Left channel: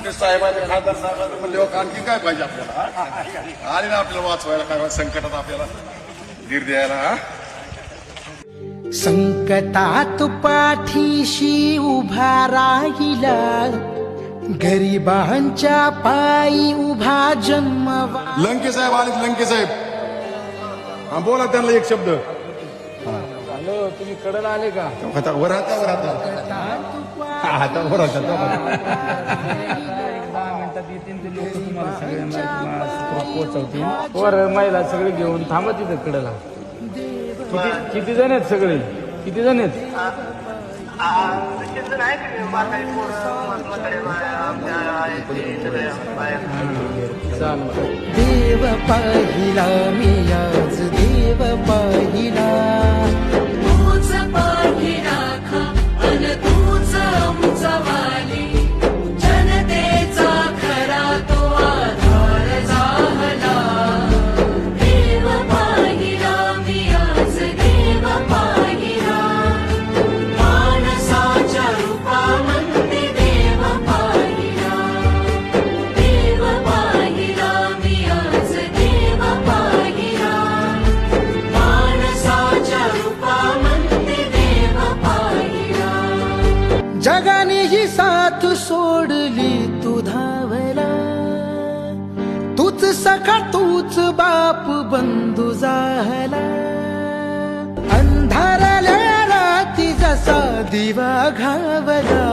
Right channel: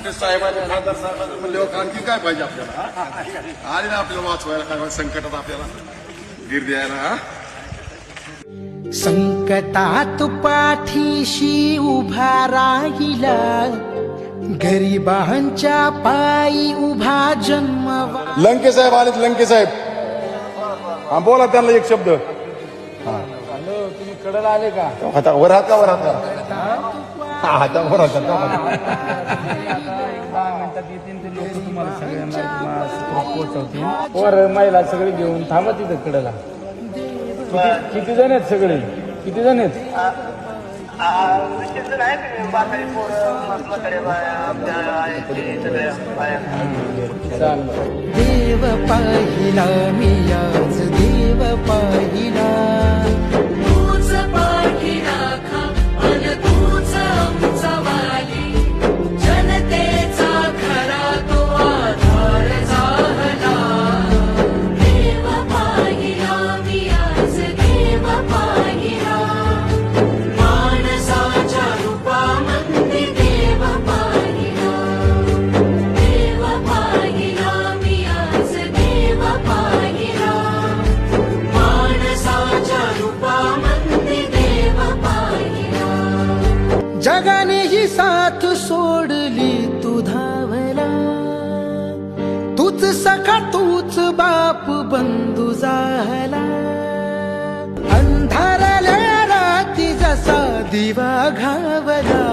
कुठे साहेबांनी खासदार साहेबांनी म्हणले आणखी काय पाहिजे आपल्याला हा? आणि ना आपल्याला वाचवायला काय संकटात आपल्याला धीर द्यायला हा? संकटात पाठीशी उभा राहिला गरिबांच्या पायी उभा जन्मवा लंके साहेब आलेत लंके साहेब. हा बोला त्यांना एक शब्द. हॅलो तुम्ही कडल आले का? वर हात का वर हात का? आता वर हात का? एक दहा मिनिटात येतील ते लोक तुम्हाला सगळ्यांना सुखरूप पोहोचवतील. वर महिला सगळे घेऊन थांबा तिथं कडला. किती किती जण आहेत सगळे? किती जण आहेत? देव पाहिला मी आज देव पाहिला जगाने ही साथ सोडली तू धावला. तूच सखा तूच बाप बंधू झाला अंधारल्या राती जसा दिवा घावला.